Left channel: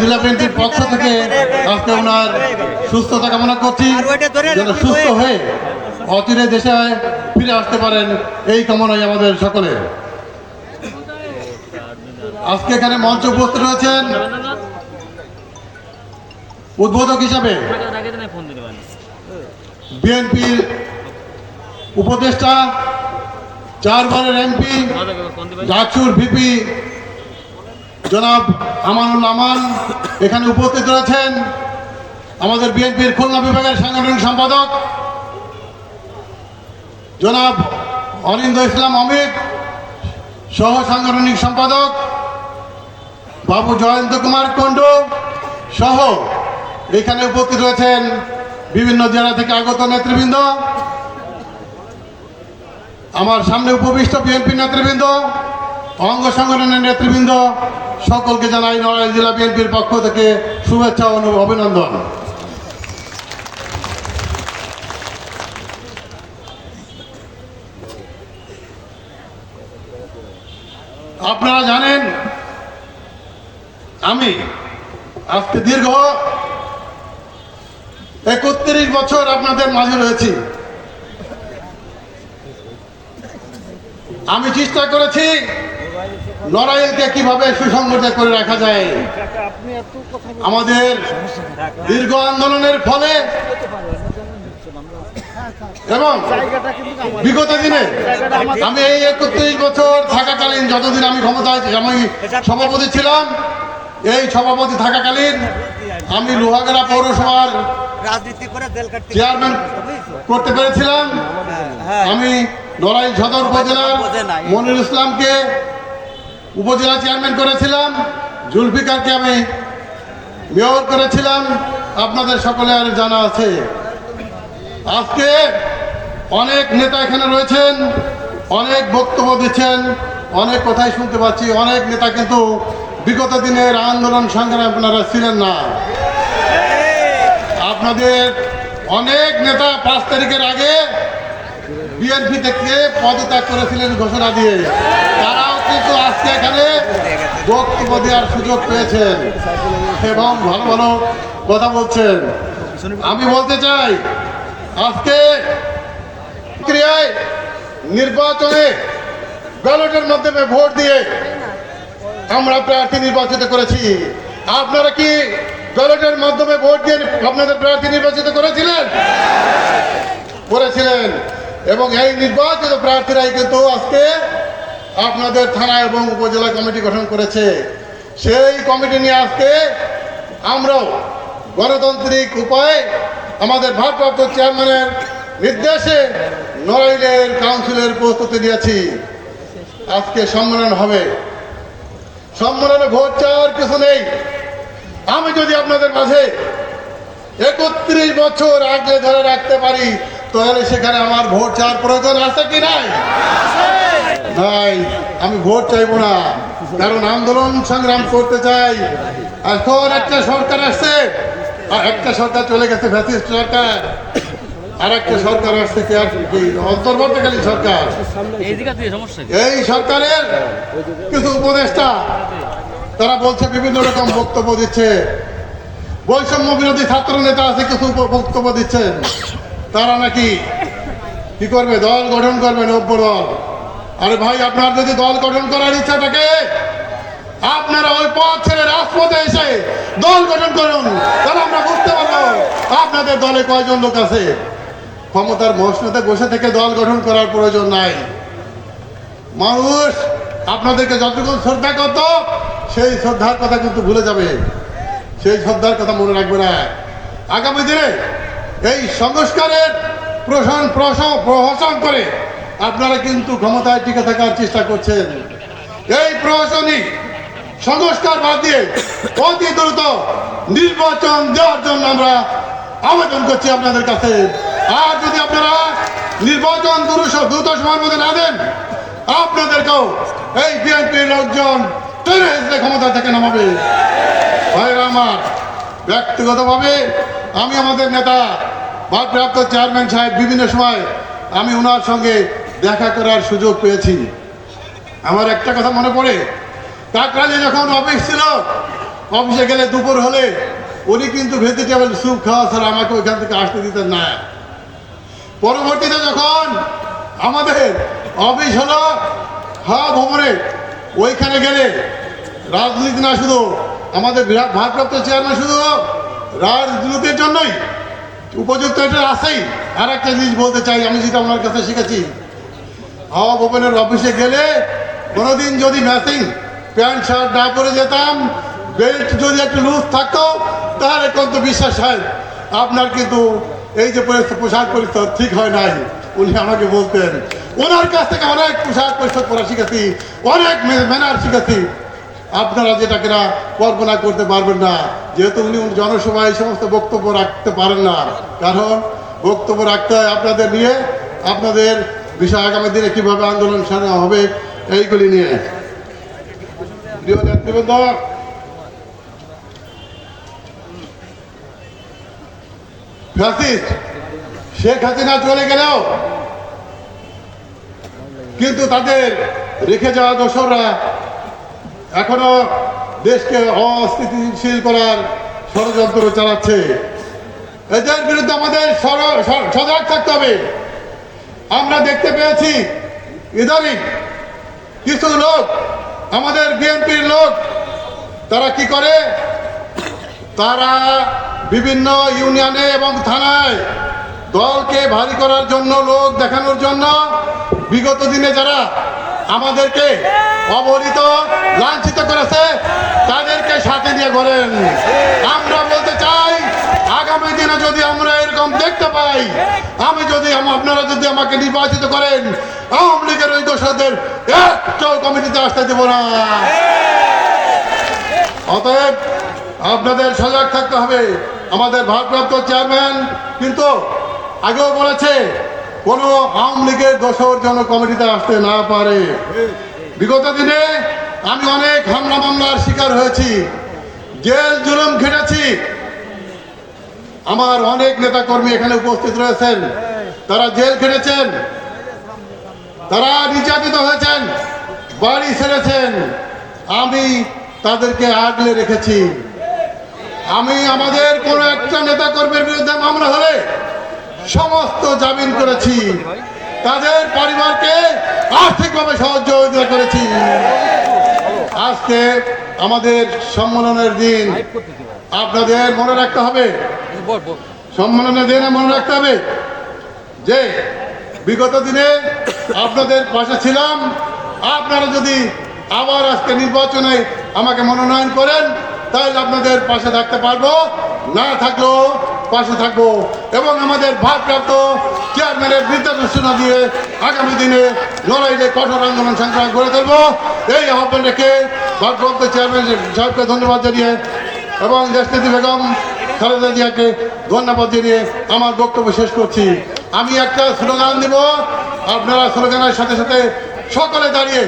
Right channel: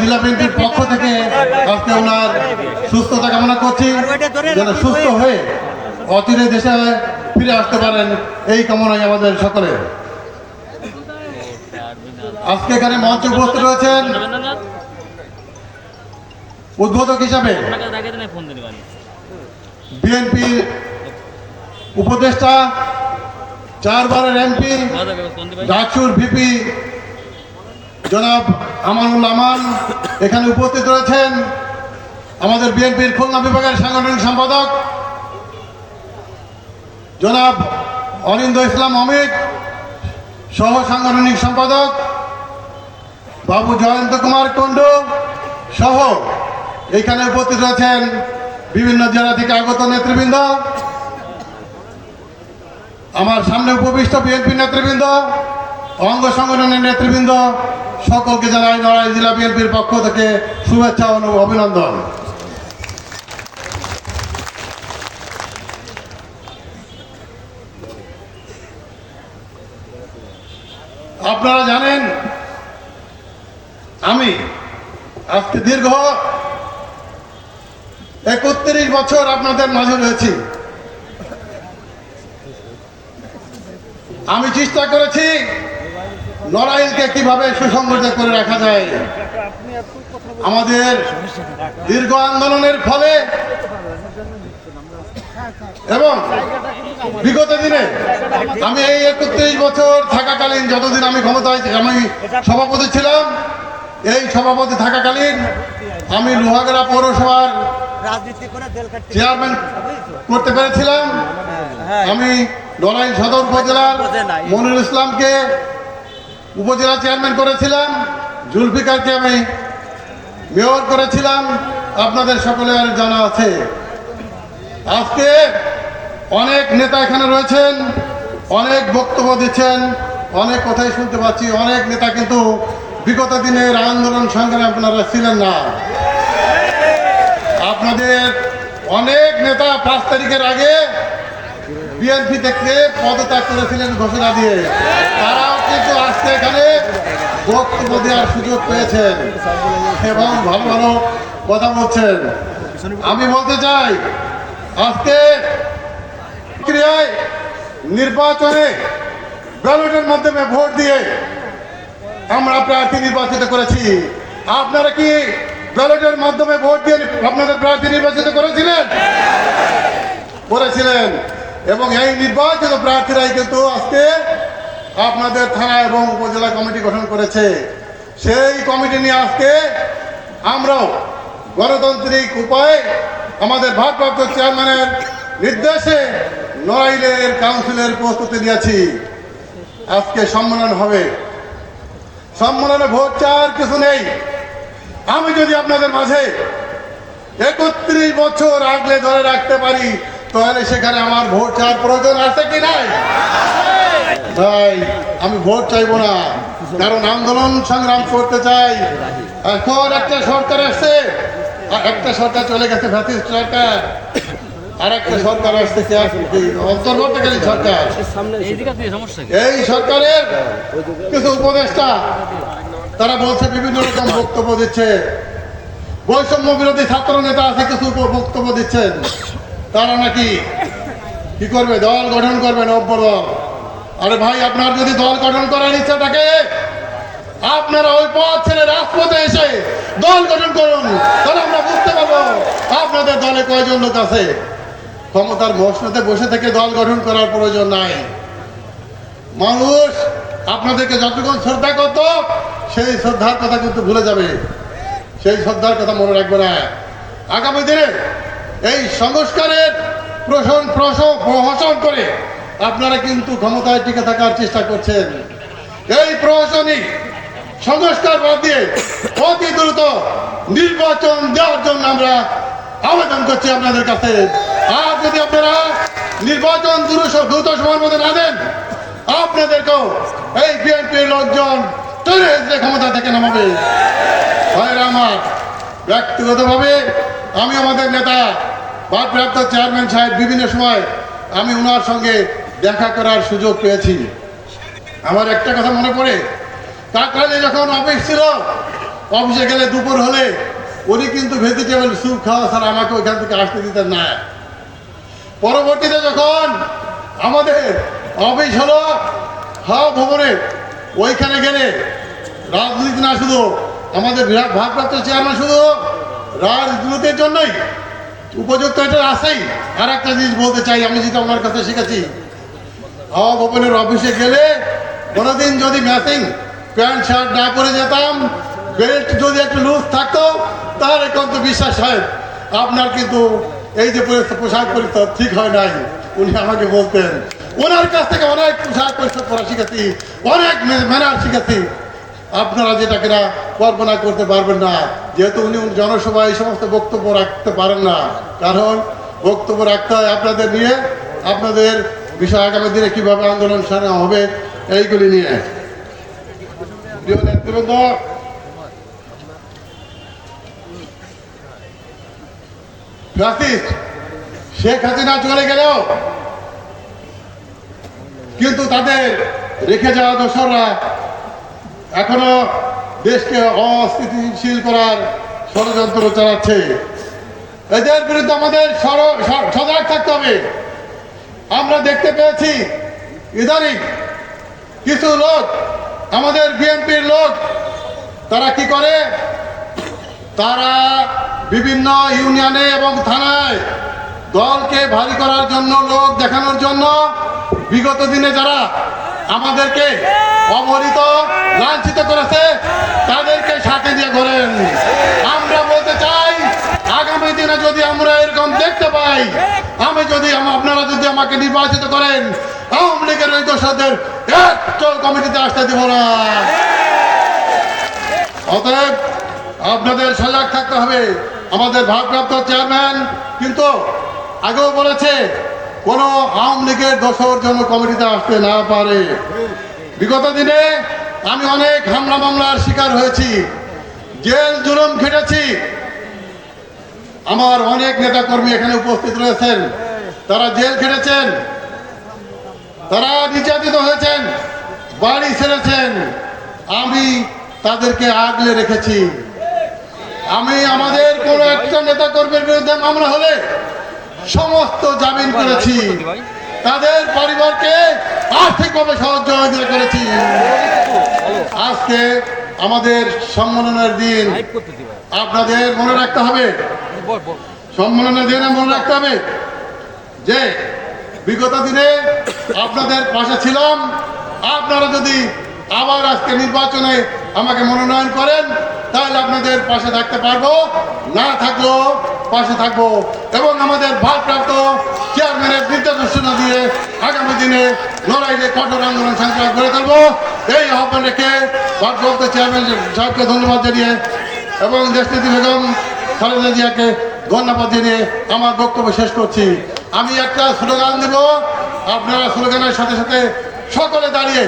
জেলা বিএনপির পক্ষ থেকে। আজকে ওনার সুস্থতা কামনা করছি। যেন সুস্থ হয়ে অচিরে দেশে ফিরে আসতে পারেন। এই কামনাই আমাদের সকলের। আজকে এখানে মঞ্চে উপস্থিত রয়েছেন উদ্বোধক হিসাবে বিএনপির উপদেষ্টা, চারবারের এমপি ডাকসুর ভিপি জনাব আমানুল আমান এখানে উপস্থিত রয়েছেন আমাদের বিএনপির খুলনা বিভাগের সাংগঠনিক সম্পাদক। জনাব অরিন্দ ইসলাম অমিত, সহ সাংগঠনিক সম্পাদক বাবু জয়ন্ত কুমার কুণ্ডু সহ এখানে উপস্থিত রয়েছেন বিভিন্ন জেলা থেকে আগত নেতৃবৃন্দ। আমার সামনে উপবিষ্ট বিএনপি নেতৃবৃন্দ, অঙ্গ সংগঠনের নেতৃবৃন্দ সকলকে জানাই নড়াইল জেলা বিএনপির পক্ষ থেকে শুভেচ্ছা ও অভিনন্দন। আপনারা জানেন, আমি আজকে দীর্ঘ একত্রিশ বছর আপনাদের মাঝে রয়েছি। আমি চেষ্টা করেছি লড়াইকে কীভাবে সুসংগঠিত করে রাখা যায়? আমাদের দীর্ঘ আন্দোলনের ফলে এবং বিগত দিনে আমি এই একত্রিশ বছর থাকাকালীন, যতদিন আমি ক্ষমতায় আমি সভাপতি ছিলাম, এই সভাপতি থাকাকালীন আমি লোহাগড়া পৌরসভার চেয়ারম্যান করতে পেরেছিলাম। আমি নড়াইল সদর উপজেলার মনিরুল ইসলামকে উপজেলা চেয়ারম্যান করেছিলাম, জুলফিকারকে আমি মেয়র করেছিলাম, আপনাদের সকলের জানা আছে। আজকে অনেক নেতা এখানে রয়েছেন, অনেক বক্তব্য দিচ্ছেন, অনেক কথাই শুনতে পাচ্ছি, অনেক নেতা কিন্তু বিগত দিনের আন্দোলন সংগ্রামে আপনারা ছিলেন না। আপনাদের অনেক নেতা পাঁচ তারিখের আগে বিএনপি থেকে পদত্যাগ করেছিলেন ঘোষণা দিয়ে, তারাও কিন্তু আজকে এখানে। বক্তব্য দেওয়ার সুযোগ পেয়েছেন। এবং ভালো ভালো কথা বলছেন। আমি বলতে চাই, আজকে ক্রিয়ায় নির্বাচনে ব্যালটের মাধ্যমে ভোট দিয়ে আমরা প্রার্থী নির্বাচিত করেছি। আপনারা কি ব্যালটের মাধ্যমে ভোট দিয়ে আপনাদের প্রার্থী নির্বাচিত করেছিলেন? করেছিলেন। এবং এই নির্বাচিত প্রার্থীরাই কিন্তু আজকে আপনাদের থানা এবং উপজেলা কমিটি গঠন করেছে। সেই কমিটি নিয়ে আজকে আমরাও গণতান্ত্রিক উপায়ে আমাদের ভারপ্রাপ্ত চেয়ারম্যানের নির্দেশে নড়াইলের কাউন্সিলের প্রস্তুতি নিয়েছি। আজকে সম্মেলন হবে। সম্মেলনে ভোট চাওয়ার কিছু নেই। আমি যদি আপনাদের মাঝে একত্রিশ বছর আগলে ধরে রাখতে পারি তাহলে সেখানে আমার ভোট চাওয়ার প্রয়োজন আছে কি নাই? ভাই, আমি ভোট চাইব না। কারণ আন্দোলন সংগ্রাম করতে চাই। এখন একটা সরকার আর একটা সরকার চলে গেছে ফ্যাসিস্ট সরকার। আর একটা সরকার সরকার। এই সরকারের কিছু উপদেষ্টা, তারা বলছে, বিভিন্ন রকম বক্তব্য দিচ্ছে। বৈষম্য বিরোধী ছাত্র নেতা আছে, কিছু বক্তব্য দিচ্ছেন। তারা নাকি কি করবে? দল গঠন করবে নব্য দল? আরে ভাই, আপনার যদি দল গঠন করার ইচ্ছা থাকে, আপনারা ওই পথ ছেড়ে রাজপথে এসে দল গঠন করুন। তাহলে আমরা বুঝতে পারব আপনাদের দলে কয়জন লোক আছে। ক্ষমতার মসনতে বসে থেকে দল গঠন করার প্রয়োজন নাই। মানুষ, আপনাদেরকে যতটুকু শ্রদ্ধা করত, সেই শ্রদ্ধার কথা কিন্তু ভুলে যাবে। সেই শ্রদ্ধার কথা মনে রাখবে না। আগামী দিনে এই সংস্কারের প্রশন প্রশ- প্রহসন করে আপনারা কিন্তু ক্ষমতায় টিকে থাকার চেষ্টা করছেন। এই প্রহসনই সংস্কার বাদ দিয়ে অতি দ্রুত নির্বাচন দেওয়ার জন্য আমরা আবেদন করছি আপনাদের কাছে। আর যদি আপনারা নির্বাচন দ্রুত সময়ের মধ্যে না দেন, আপনাদেরকেও এই বিএনপির লোকজন ক্ষমতা থেকে নামাবে। ভাইরা আমার, ব্যক্তিগতভাবে আমি আমাদের নেতা ভারপ্রাপ্ত চেয়ারম্যান সাহেব, বিভিন্ন সময় আমি ওনার সঙ্গে দেখা করার সুযোগ পেয়েছি। আমার একটা কথা মনে পড়ে কাকরালে যখন অফিস ছিল, অফিসে গেলে দুপুর হলে উনি কিন্তু ভেজিটেবল স্যুপ খাওয়া ছাড়া আমাকে ওইখান থেকে আসতে দিতেন না। পরবর্তীতে যখন আমাদের অফিস হলো হা ভবনে, ওইখানে গেলে রাজনীতি না শুধু, আমাদের বিরাট ভারপ্রাপ্ত চেয়ারম্যান শুধু রাজনীতির জন্যই উপযুক্ত এটা আছেই আর একটা জিনিস বলতে চাই, আমি যেটা ওনার কাছে শিখেছি। হাওয়া ভবনের অফিসে গেলে কোনোদিন যদি ম্যাচিং প্যান্ট, শার্ট না পরে যেতাম বেল্ট যদি একটু লুজ থাকতো তার তাহলে কিন্তু বিশ্বাস হয়, আপনার কিন্তু এই যে পোশাক পরিচ্ছদ ঠিক হয় নাই, উনি আমাকে বলতেন। ওনার কাছ থেকে অনেক পোশাক পরিচ্ছদ করা শিখেছি, অনেক ম্যানার শিখেছি। আপনারা যেটা কিনা কল্পনা করতে পারবেন না, যেহেতু উনি জনসভায় এই সমস্ত বক্তব্য রাখতে পারেন না। কারণ বক্তব্য রাখতে হয় আপনাদের নিয়ে, আপনাদের বিষয় আগামী দিনে কীভাবে আন্দোলন সারা হবে, এইগুলি নিয়ে। শেখ হাসিনা চলে গেলেও কিন্তু তাদের রেখে যাওয়া দোসররা এখনও দেশকে অস্থিতিশীল করার ষড়যন্ত্র চালাচ্ছে। এদের বিরুদ্ধে আমাদের সজাগ থাকতে হবে। আমরা দেখতে পেয়েছি, ইদানিং কিছু লোক, আমাদের বিএনপির লোক, তারা কি করে? তারা বিভিন্ন ইউনিয়নে এবং থানায় দলকে ভারী করার জন্য, লোক দেখানোর জন্য বিগত দিনে যারা আমাদেরকে অবহিত, লাঞ্ছিত করেছে। তাদেরকে সাথে নিয়ে ঘোরেন। আমরা বলতে চাই, আগামী দিনে যদি আমরা এরকম দেখতে পাই, আমি যদি আপনারা যদি আমাকে নির্বাচিত করেন, আওয়ামী লীগের ওই দোষদের একটা কমিটিতে আসতে দেব না। অতএব আপনাদের সজাগ থাকতে হবে। আমাদের ভারপ্রাপ্ত চেয়ারম্যান কিন্তু আগেও বলেছে কোনো আওয়ামী লীগের দশর জন কমিটিতে আসতে না পারে। বিগত দিনে আমি অনেক হামলা মামলার শিকার হয়েছি, জেল জুলুম খেটেছি আমার অনেক নেতাকর্মী এখানে উপস্থিত রয়েছেন। তারা জেল খেটেছেন, তারা নির্যাতিত হয়েছেন, বাড়ি ছেড়েছেন। আমি তাদেরকে আগলে রেখেছি। আমি আমাদের কোন একটা নেতা কর্মীর বিরুদ্ধে মামলা হলে সমস্ত জামিন করেছি। তাদের পরিবারকে আর্থিকভাবে সহযোগিতা করেছি। আজকে আমাদের সম্মেলনের দিন। আপনাদের মনে রাখতে হবে, সম্মেলনের দিনে মনে রাখতে হবে যে, বিগত দিনে আপনাদের পাশে ছিলাম। আপনারা যদি আবার আজকে নির্বাচনে আমাকে মনোনয়ন করেন, তাহলে আপনাদের পাশে থাকতে পারব। না থাকলেও পাশে থাকব এবং আমাদের ভারপ্রাপ্ত চেয়ারম্যানের নির্দেশনা দিয়ে আগামী দিনে লড়াইয়ে কঠোর আন্দোলন সংগ্রাম করে তুলবো। এই আহ্বান রেখে ভারপ্রাপ্ত চেয়ারম্যান সাহেবকে ধন্যবাদ জানিয়ে এবং দেশনীতি বেগম খালেদা জিয়াকে ধন্যবাদ জানিয়ে আমার বক্তব্য শেষ করছি। আমি একটা স্লোগান দেব। আপনারা স্লোগানের সাথে সাথে সকলে দাঁড়িয়ে